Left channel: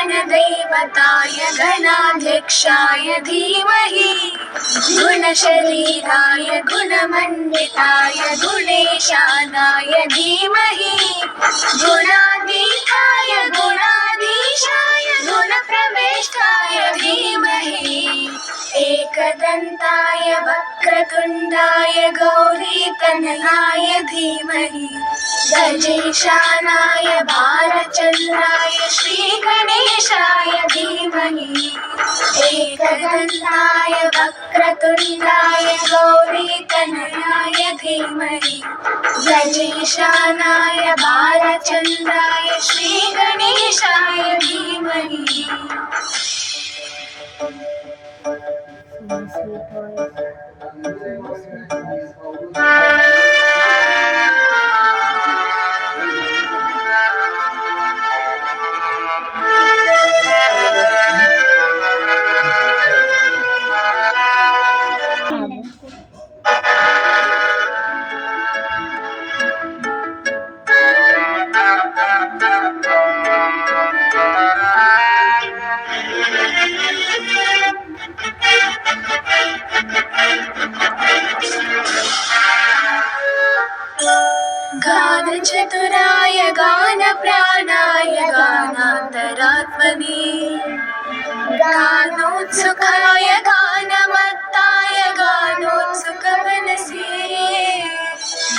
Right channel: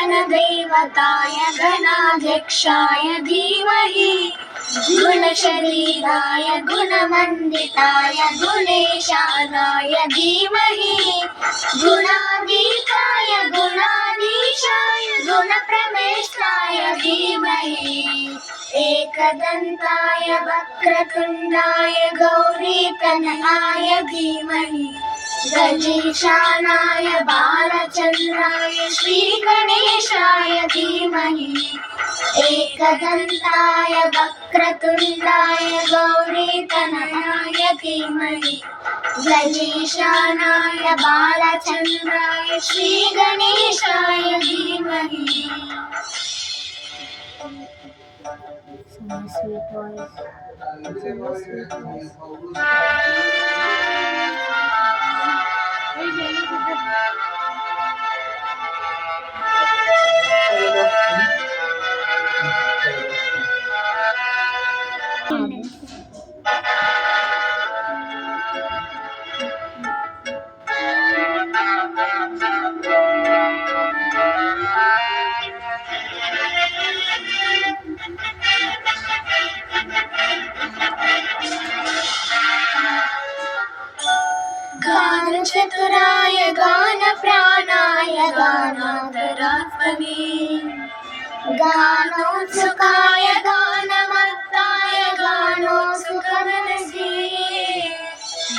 गणदैवताय गणाध्यक्षाय धीमहि गुणशरीराय गुणमण्डिताय गुणेशानाय धीमहि गुणातीताय गुणाधीशाय गुणप्रवेष्टाय धीमहि एकदन्ताय वक्रतुण्डाय गौरीतनयाय धीमहि गजेशानाय बालचन्द्राय श्रीगणेशाय धीमहि एकदन्ताय वक्रतुण्डाय गौरीतनयाय धीमहि गजेशानाय बालचन्द्राय श्रीगणेशाय धीमहि. Sweet voice. गानचतुराय गानप्राणाय गानान्तरात्मने गानोत्सुकाय गानमत्ताय गानोत्सुकमनसे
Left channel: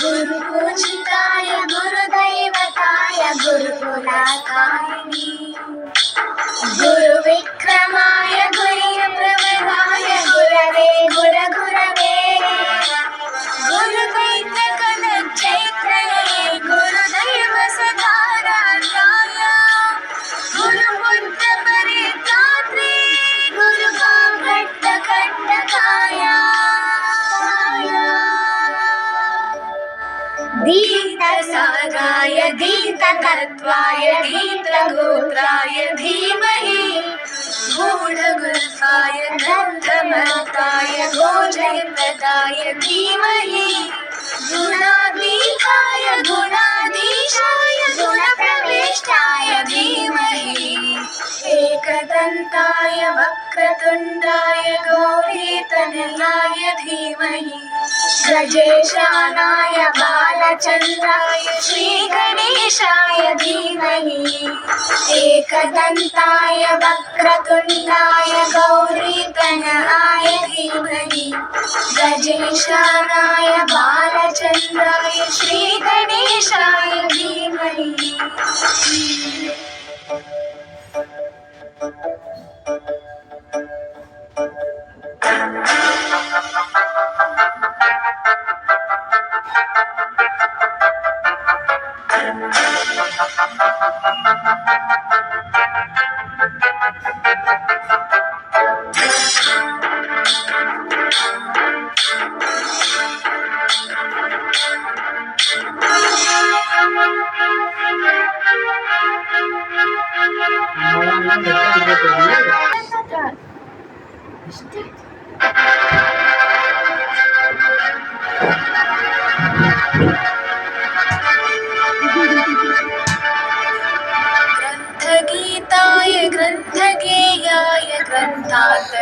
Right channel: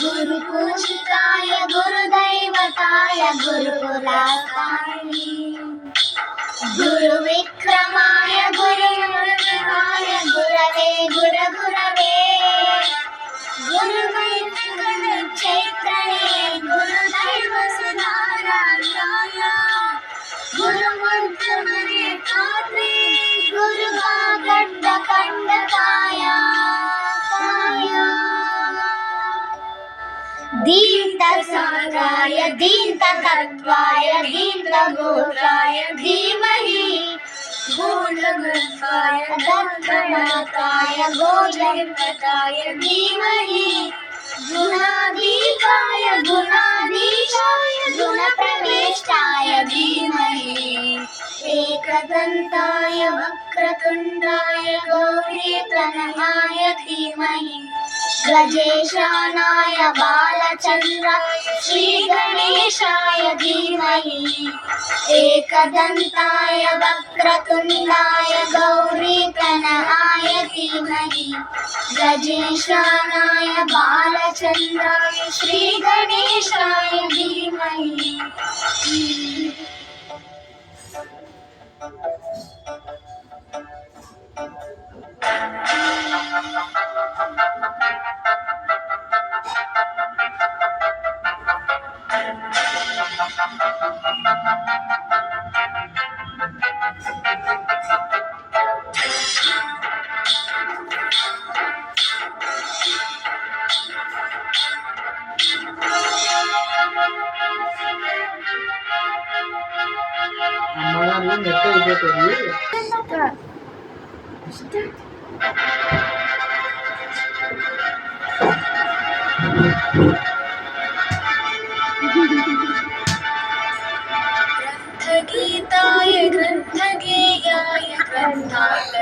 गुरुपूजिताय गुरुदैवताय गुरुकुलाकारिणे गुरुविक्रमाय गुरुप्रवराय गुरवे गुरगुरवे गुरुदैवगणचैत्रये गुरुदैवसदाराध्याय गुरुबुद्धपरित्रात्रे गुरुवागड्डकण्डकाय दीप्तसाराय दीप्तकत्वाय दीप्तगोत्राय धीमहि गूढगुल्फाय दग्धमताय गोजयप्रदाय धीमहि गुणातीताय गुणाधीशाय गुणप्रवेष्टाय धीमहि एकदन्ताय वक्रतुण्डाय गौरीतनयाय धीमहि गजेशानाय बालचन्द्राय श्रीगणेशाय धीमहि एकदन्ताय वक्रतुण्डाय गौरीतनयाय धीमहि गजेशानाय बालचन्द्राय श्रीगणेशाय धीमहि. ग्रन्थगीताय ग्रन्थगेयाय ग्रन्थान्तरात्मने